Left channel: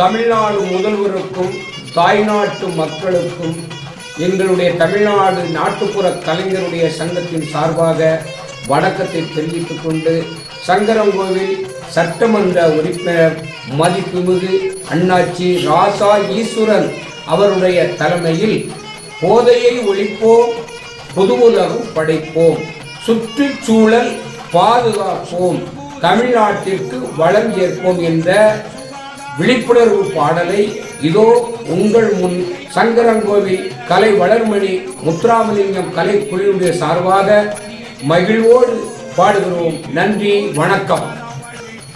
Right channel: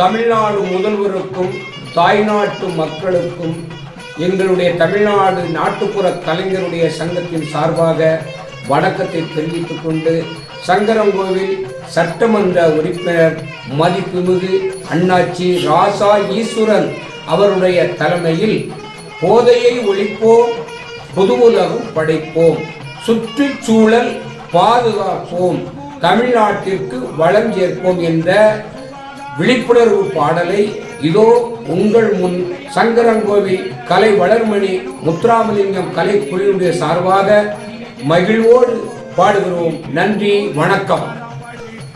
தமிழ்நாடு முதல்வருக்கும் தாய்நாட்டு மக்களுக்கும் எங்களுடைய தமிழ்நாடு நாட்டுப்புற கலைஞருடைய சங்கத்தின் சார்பாக வணக்கத்தை தெரிவித்துக் கொண்டு சங்கரங்கோவில் சட்டமன்ற உறுப்பினர் மதிப்புமிகு அண்ணாச்சி ராசா ஈஸ்வரன் அவருடைய தலைமையில் போதையை ஒழிப்போம் பொது உலகம் படைப்போம் சுற்றுச்சூழல் பாதுகாப்போம் தமிழ்நாட்டிற்கு வளம் சேர்ப்போம் என்ற விழிப்புணர்வு பாடலை இதோ உங்கள் முன் சங்கரங்கோவில் கலை வளர்மணி முத்துராமலிங்கம் கலை குழுவினுடைய சார்பாக மகிழ்வோடு பாடுகிறோம். நன்றி வணக்கம்.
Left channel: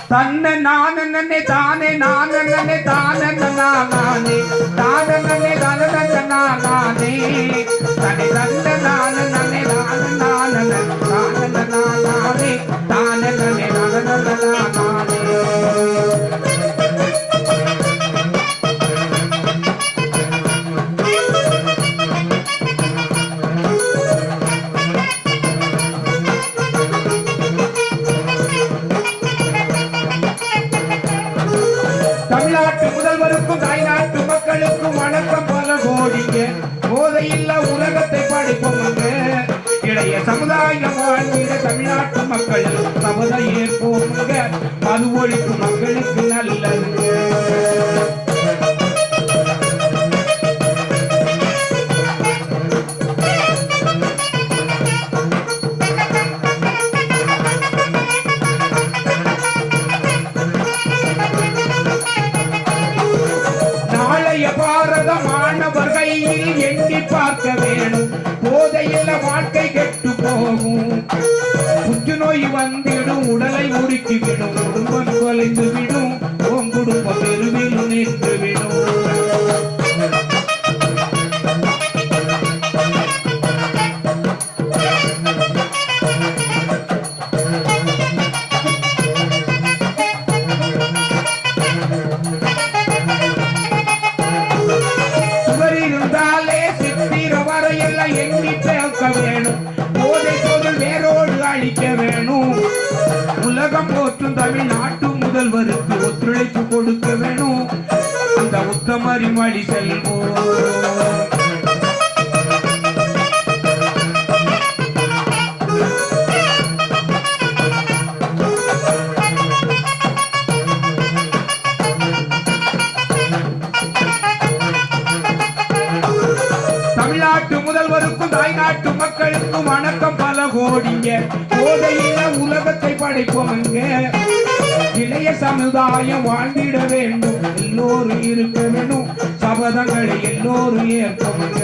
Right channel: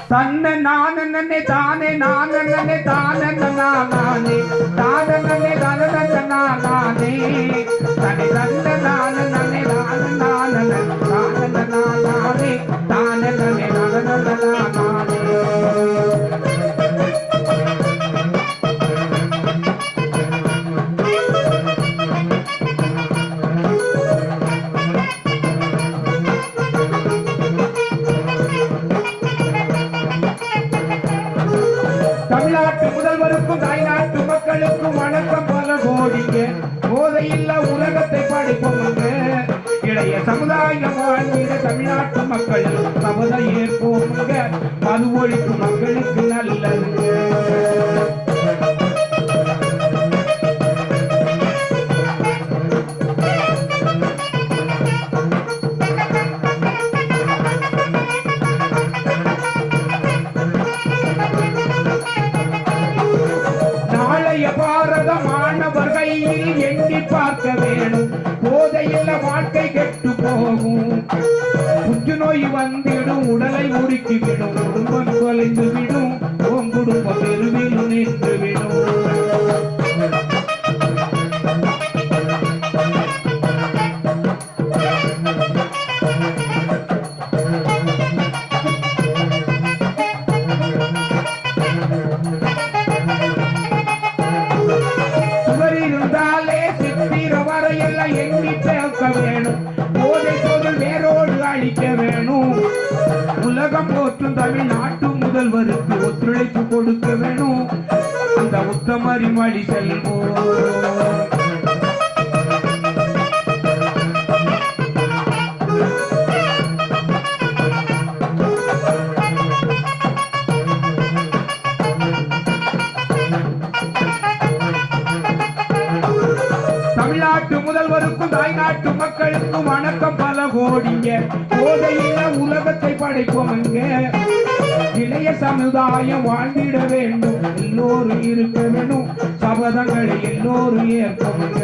தன்ன நானே தானே நானே தானே நானே. தானே தானே தமிழ்நாட்டு முதல்வருக்கும் தாய்நாட்டு மக்களுக்கும் வணக்கம் பல கோடிங்க போதையில்லா உலகத்தை படிப்போங்க இளைய சமுதாயம் வாழ்ந்த தமிழ்நாட்டு மக்கள் சபத ஏற்போமுங்க மது ஒழிப்பு ஆலய பாரத மாணவர் கையில் எண்ணி பார்க்க வேணும். போதையில்ல வாழ்க்கை கெட்டு போகும். புற்றுநோய் வந்திடும் உடலை உருக்கி குடும்பம் தொலைந்து விடும். உன் குடும்பம் தெருவில் நின்று விடும். சுவர் தமிழ் நாட்டு முதல்வருக்கு ஒத்துழைப்பு கொடுக்க வேணும். அந்த உத்தமரி வழி செல்வோம். தமிழ்நாட்டு முதல்வருக்கும் தாய்நாட்டு மக்களுக்கும் வணக்கம் பல கோடிங்க. போதையில உலகத்தை படைப்போங்க இளைய சமுதாயம் வாழ்ந்திட வேண்டும். எல்லோரும் இருக்க வேண்டும். சபதங்களை எல்லோரும் ஏற்போங்க